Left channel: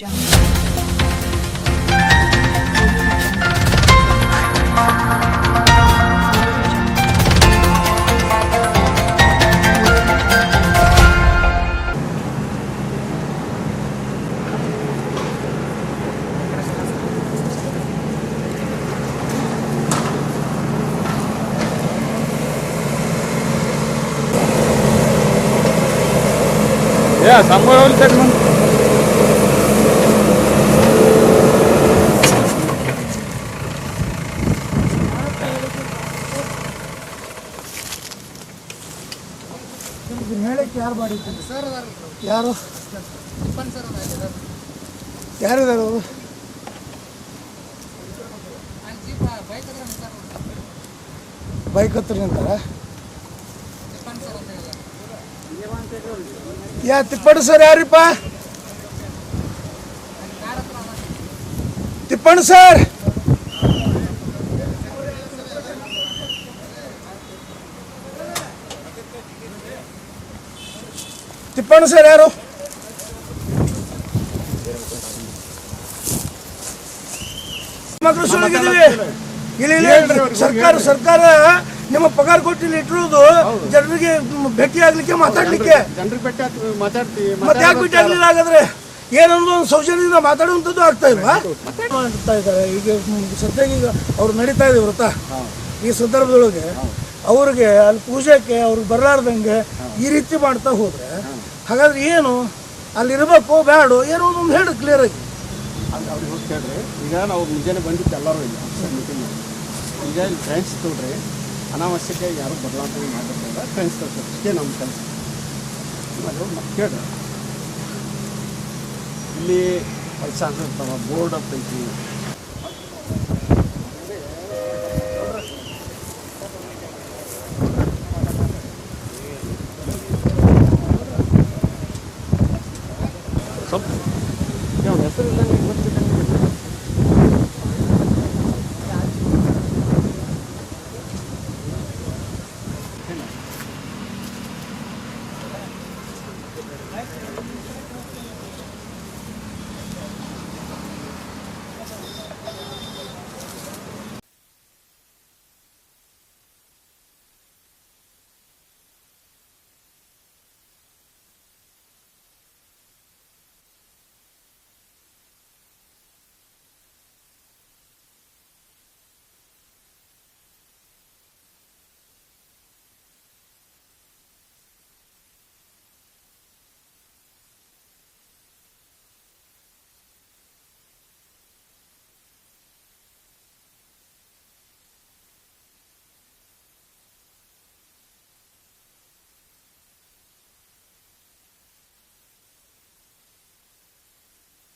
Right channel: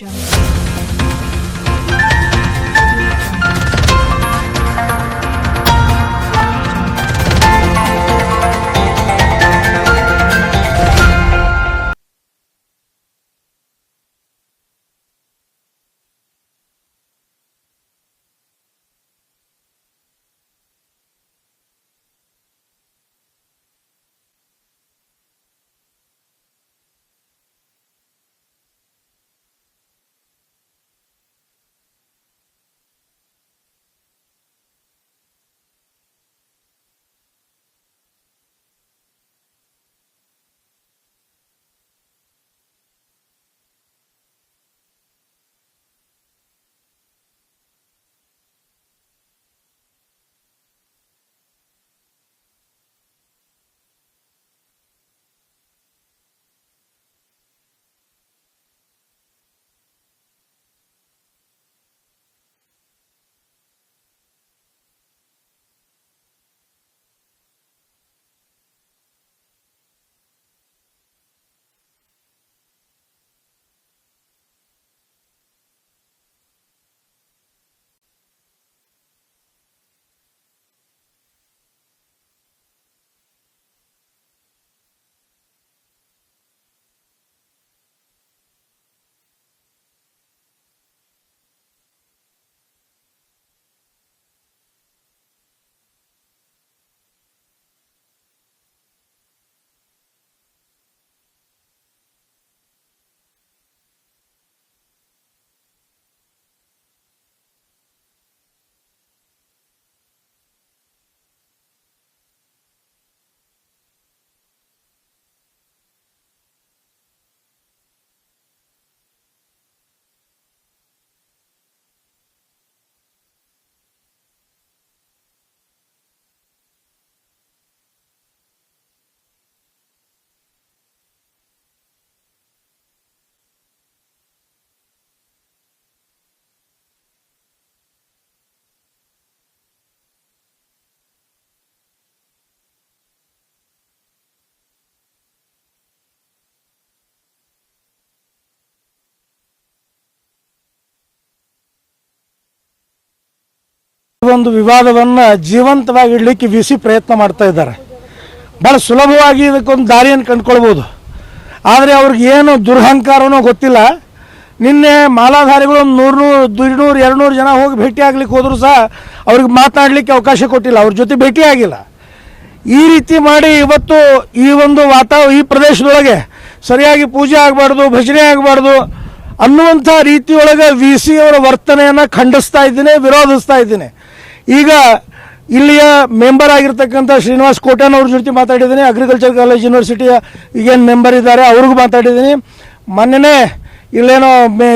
Yeah, somewhere will take ಯಾರು ಯಾರು? ಯಾರಿದ್ದಾರೆ ಅವರು? ಬೈಕ್ ಹತ್ರ ನಿಂತಾರ ಯಾ ತಿಪ್ಪಣ್ಣ ಸರ್ ಯಾರಿಪ್ಪ? ತಿಪ್ಪಣ್ಣ ಸರ್! ತಿಪ್ಪಣ್ಣ ಸರ್ ಯಾರು ಮಕ್ಕಳು ಇಲ್ಲಿ ಸರ್ಕಾರ ಸರ್ಕಾರ ನಿಮ್ಮ ಪಗಾರ ಕೊಟ್ಟು ಇಟ್ಟಿರೋದು ಜನರಿಗೆ ಭೇಟಿ ಆಗ್ಲಿಕ್ಕೆ ಮಾತಾಡ್ಲಿಕ್ಕೆ. ಮತ್ತೆ ಯಾಕೆ ಭೇಟಿ ಆಗ್ಲಿಲ್ಲ ಹಾಗಾದ್ರೆ? ಏನೊಂದು ಒಂದು ಸೌಜನ್ಯದಿಂದ ಮಾತಾಡುವಂಥದ್ದು ಆಗ್ತಾ ಇಲ್ವಾ? ಮಾಡ್ತಾ ಇದ್ದಾರೆ. ಈಗ ಸದ್ಯಕ್ಕೆ ಸದ್ಯ ಈಗ ಅವ್ರು ನಡೀತಾ ಇದೆ ವೃತ್ತ ಈ ಸಂದರ್ಭದೊಳಗೆ ಅವ್ರಿಗೆ ಅಲ್ಲಿ ಪೂಜೆಗೆ ಅವ್ರಿಗೆ ಬರಲಾರ್ದಂಗೆ ಈ ರೀತಿ ಮಾಡ್ತಾ ಹೋದ್ರೆ ಹಾಗಾದ್ರೆ ಏನು? ಅಲ್ಲಿ ಇರಬೇಕು ಬೇಡ ಏನೋ ಒಂದು ಹೇಳು ಕ್ಲಿಯರ್ ಆಗಿ. ಅವ್ರಿಗೆ ಹೋಗಿ ಕೇಳ್ರಿ ಈಗ ನಾವು ಮುಂಜಾನೆ ಬಂದಿದ್ದು ಎಲ್ಲರೂ ಇಲ್ಲ ಮೀಟಿಂಗ್ ಈಗ ಇಲ್ಲಿ ಫ್ರೆಂಡ್ಸ್ ತೊಗೊಳ್ರಿ ಅನಾವಶ್ಯಕ ಯಾರು ಬದಲಾವಣೆ ಮಾಡಿರ್ತಾರ ಫ್ರೆಂಡ್ಸ್ ತೊಗೊಳ್ತಾರೆ ಇಷ್ಟೇ ನಮ್ಮ ಕೆಲಸ. ಅದು ಕೇಳ್ರಿ ಇಲ್ಲಿ ಕೆಲಸ ಅಂತ ಬೋರ್ಡ್ ಅಂತ ಐತಿ ಸ್ವಲ್ಪ. ಅವ್ನ ಗೊತ್ತಿದ್ದಂಗೆ ಒಂದು ವಿವಾದವನ್ನು ಜೀವಂತವಾಗಿ ಇಡಲಿಕ್ಕೆ ವಿ ಸಿ ಪ್ರಯತ್ನ ಮಾಡ್ತಾ ಇದ್ದಾರೆ. ಭಾಳ ಸುಲಭವಾಗಿ ಇದಕ್ಕೊಂದು ದಾರಿಯನ್ನು ಕಂಡುಕೊಳ್ಬೋದು. ಆದರೆ ಅವ್ರಿಗೆ ಏನು ದುರಹಂಕಾರನೋ ಗೊತ್ತಿಲ್ಲ. ನಿನ್ನೆ ಮಾಲಾಧಾರಿಗಳು ಒಂದು ನೂರು ದುಡ್ನೂರು ಎರಡುನೂರು ಜನ ಹೋಗಿ ಭೇಟಿ ಆಗ್ಲಿಕ್ಕೆ ಹೋದ್ರು ಸಹ ಅವ್ರಿಗೆ ಮಾತನಾಡಲಿಕ್ಕೆ ಅವಕಾಶ ಕೊಟ್ಟಿಲ್ಲ. ಅವ್ರ ಜೊತೆ ಭೇಟಿ ಆಗಿಲ್ಲ. ಈ ರೀತಿ ಮಾಡಿ ಇವತ್ತು ಈ ಒಂದು ವಾತಾವರಣ ಈ ಪ್ರದೇಶದೊಳಗೆ ಸರಿಯಾಗಿ ಪೂಜೆ ಆಗಬಾರ್ದು, ಭಜನೆ ಆಗಬಾರ್ದು ಅನ್ನುವಂಥ ರೀತಿಯೊಳಗೆ ವಿ ಸಿ ಅವರ ವರ್ತನೆಯನ್ನು ಖಂಡಿಸ್ತಾ ಇದ್ದೀನಿ, ವಿರೋಧಿಸ್ತಾ ಇದ್ದೀನಿ. ಈಗ ಇಲ್ಲಿಯ ಮೆಂಬರ್ ಆಗಿರ್ತಕ್ಕಂಥ ಶ್ರೀನಿವಾಸ್ ಕೋಟನ್ ಅವ್ರ ಜೊತೆ ಮಾತಾಡಿದ್ದೀನಿ. ಅಗ್ರಿಕಲ್ಚರ್ ಕಾಲೇಜ್ ಯೂನಿವರ್ಸಿಟಿಯ ಈಗೇನು ಮೆಂಬರ್ ಇದ್ದಾರೆ, ಅವ್ರಿಗೂ ಮಾತಾಡಿದ್ದೀನಿ. ಮೊನ್ನೆನೇ ಇಲ್ಲೇನೋ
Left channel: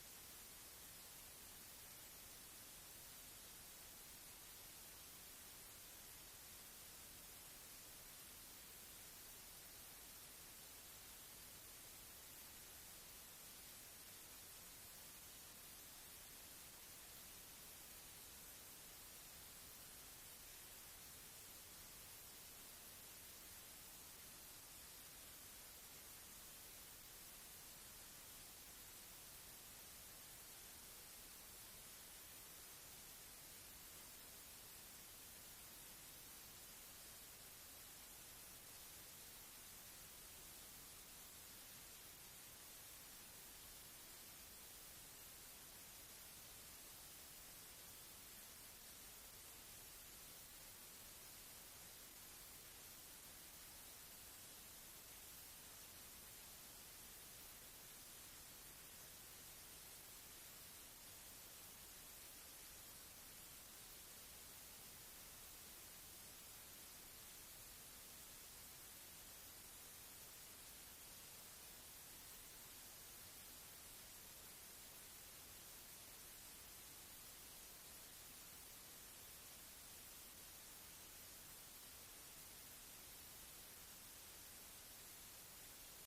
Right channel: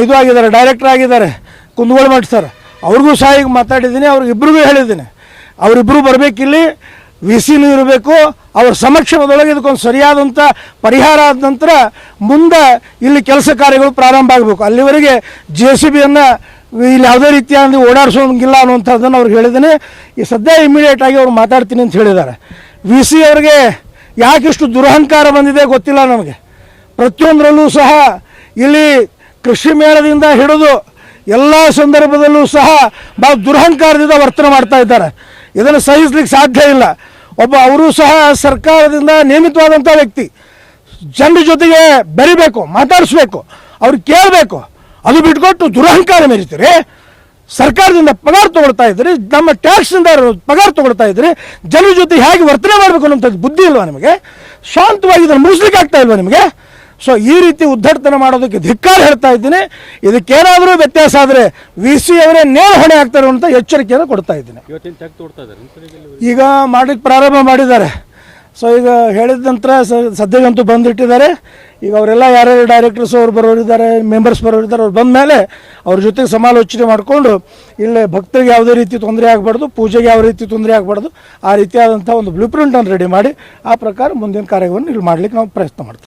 ಇದು ಆಗಿದ್ದಾರೆ ಡೈರೆಕ್ಟರ್ ಆಗಿದ್ದಾರೆ, ಕುಂದಗೋಳ ಮಠ ಸರ್ ಅವ್ರಿಗೂ ಸಹ ಈಗ ಮಾತಾಡಿದ್ದೀನಿ, ಅವ್ರಿಗಿಬ್ರಿಗೂ ಹೇಳಿದ್ದೀನಿ. ಅವರಿಬ್ಬರು ಬರಬೇಕಿಲ್ಲಿ. ವಿ ಸಿನೂ ಇರಬೇಕು, ಅವ್ರ ಸಮಕ್ಷಮದೊಳಗೆ ಇದಕ್ಕೊಂದು ಸರಿಯಾದಂಥ ಪರಿಹಾರ ಆದ ನಂತರ ಮುಂದೆ ಇಲ್ಲಿ ಕೆಲಸ ಕಾರ್ಯಗಳು ಪ್ರಾರಂಭ ಆಗಬೇಕು. ಅಲ್ಲಿವರೆಗೆ ಜೆ ಸಿ ಬಿಯನ್ನು ಇಲ್ಲಿ ಯಾವುದೇ ರೀತಿಯಾದ ಓಡಾಡಿಸೋಂಗಿಲ್ಲ ಅನ್ನುವಂಥದ್ದನ್ನು ಅವ್ರಿಗೆ ಹೇಳಿದ್ದೀನಿ ಈ ಸದ್ಯ ಇಮಿಡಿಯೇಟ್ ಆಗಿ ಅವ್ರು ಮಾತಾಡ್ತೀನಿ ಅಂತ ಹೇಳಿದ್ದಾರೆ ವಿ ಸಿ ಅವ್ರಿಗೆ ಯಾಕಿಷ್ಟು ದುರಹಂಕಾರ ಬಂದಿದೆ ಗೊತ್ತಿಲ್ಲ ನಮಗೆ. ಪ್ರತಿಯೊಂದರಲ್ಲೂ ಸಹ ಇಲ್ಲಿ ಕೃಷಿ ಮೇಳದಿಂದ ಹಿಡಿದು ಎಲ್ಲ ಸಂದರ್ಭದಲ್ಲೂ ಸಹ ಭಾಳ ದುರಹಂಕಾರದಿಂದ ವರ್ತನೆ ಮಾಡ್ತಾ ಇದ್ದಾರೆ. ಇದನ್ನು ಸಹಿಸ್ಲಿಕ್ಕೆ ಸಾಧ್ಯ ಇಲ್ಲ. ಒಬ್ಬ ಅವರು ಸಹ ಸರ್ಕಾರದಿಂದ ನೇಮಿತವಾದಂಥ ವ್ಯಕ್ತಿ. ಜನರ ಜೊತೆಗೆ ಬೆರಿಬೇಕು, ಮಾತಾಡಿಸ್ಬೇಕು, ಅವ್ರು ಕೇಳಬೇಕು. ಅದು ಬಿಟ್ಕೊಟ್ಟು ದುರಹಂಕಾರ ಮೆರಿತೀರಿ ಸರ್ಕಾರದಿಂದ ಪಗಾರ ತಗೊಳ್ತಾ ಇದ್ರಿ ನಮ್ಮ ಟ್ಯಾಕ್ಸಿಂದ ಪಗಾರ ತಗೊಳ್ತಾ ಇದ್ರಿ ಜನರ ಜೊತೆ ಹೇಗೆ ವರ್ತನೆ ಮಾಡಬೇಕು ಅನ್ನೋಂಥದ್ದು ಬುದ್ಧಿ ಇಲ್ವಾ ನಿಮಗೆ? ಶಾಂತವಾಗಿ ಇದನ್ನು ಮುಗಿಸ್ಲಿಕ್ಕೆ ಆಗ್ತಾ ಇಲ್ವಾ ನಿಮಗೆ? ಸೊ ಈ ರೀತಿ ಉದ್ದಟತನ ಮಾಡೋದಕ್ಕೆ ಧಿಕ್ಕಾರ ಹೇಳ್ತಾ ಇದ್ದೀನಿ. ಇದಕ್ಕೇನಾದರೂ ವ್ಯತ್ಯಾಸ ಆದರೆ ವಿ ಸಿ ಅವರೇ ನೇರ ಹೊಣೆ ಆಗ್ತಾರೆ ಅಂತ ಎಚ್ಚರಿಕೆಯನ್ನು ಕೊಡ್ತಾ ಇದ್ದೀನಿ. ಈಗ ಮಾಡಲಿಕ್ಕೆ ಪ್ರಾರಂಭ ಮಾಡಿದ್ದಾರೆ. ಸೊ ಈಗ ಹೇಳಿದ ನಂತರ ಸದ್ಯಗಂತೂ ಬಂದಿಟ್ಟಿದ್ದಾರೆ. ಈಗ ಅವರೆಲ್ಲ ಯಾರ್ಯಾರು ಡೈರೆಕ್ಟರ್ಸ್ ಅವ್ರು ಬರೋರಿದ್ದಾರೆ ಮೆಂಬರ್ಸ್ ಬರೋರಿದ್ದಾರೆ ಅವ್ರು ಬಂದ ಮೇಲೆ ಅವ್ರ ಜೊತೆಗೆ ಸಮಾಲೋಚನೆ ಮಾಡಿಕೊಂಡು ಇಲ್ಲೇ ಭಕ್ತರಿಗೆ ಯಾವುದೇ ರೀತಿ ತೊಂದರೆ ಆಗಬಾರ್ದು ಪೂಜೆಗೆ ಯಾವ ರೀತಿ ತೊಂದರೆ ಆಗಬಾರ್ದು ಆ ರೀತಿಯಾದಂಥ ಒಂದು ಬ್ಲೂ ಪ್ರಿಂಟನ್ನು ರೆಡಿ ಮಾಡಿ ಆ ಪ್ರಕಾರ ಮುಂದಿನ ಕಾರ್ಯವನ್ನು ಇಲ್ಲಿ ಮಾಡಲಿಕ್ಕೆ ನಾವು ಪ್ರಯತ್ನ ಮಾಡ್ತೀವಿ.